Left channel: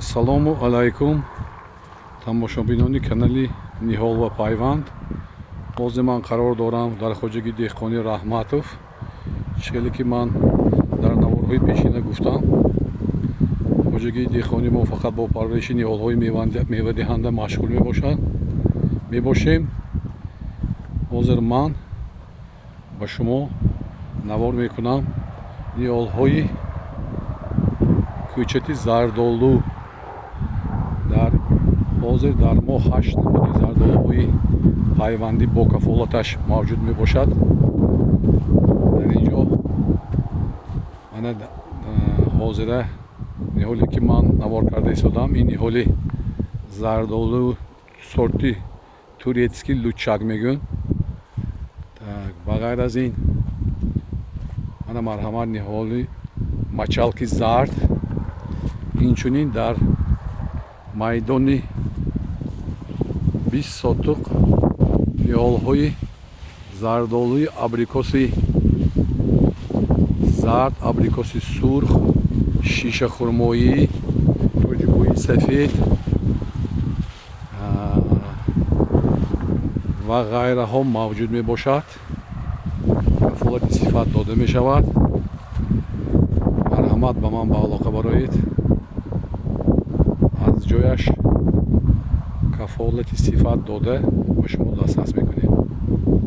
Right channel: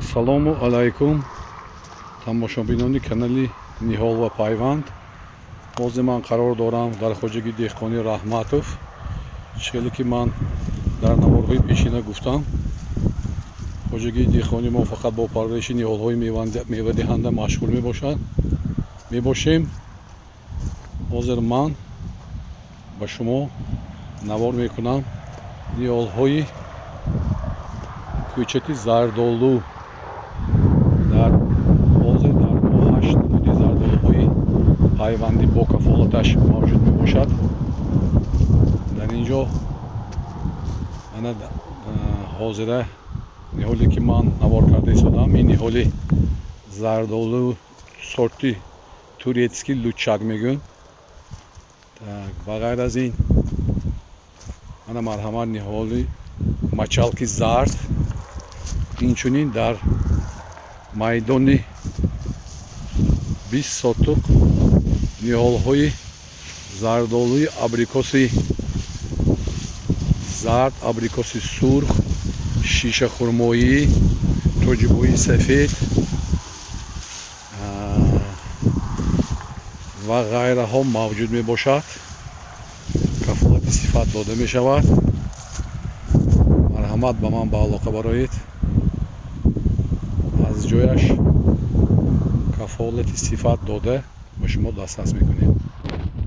Ассалому алайкум тамошобинони канали Ниҳол ва Пайванд. Бозе ман қарор дорам дар хоҷагии деҳқони Раҳматов. Чиҳеле ки ман дар наворҳои пешина гуфтам, хоҷагии деҳқони мо фақат бо парвариши ниҳолҳои мевадиҳанда машғул мебошем. ҳозир ман ба шумо навор мекунам ниҳолҳои кӯчати зардолу. ҳозир дар мо 8 намуди зардолуҳои пайвандӣ бо кафолаташ мавҷуд мебошад. дар ин ҷо ана ҳозира ниҳоле ки ман навор карда истодам, ин ниҳоли зардолу сорти турецкий лучак мегӯянд. Ба ғайр аз ин ана марҳамат ниҳоли мачалки зард, инчунин дар майдони 20 сотук ниҳолҳои зардолуи абрикоси зард, абрикоси сурх, шишахурмоӣ, тоҷикои сафед ва ғайраҳо мавҷуд мебошад. кафолати сифат дода мешавад. марҳамат ба ман ба алоқа бароед, аз ҷояш кафолати сифат дода ба шумо дастрас мекунем.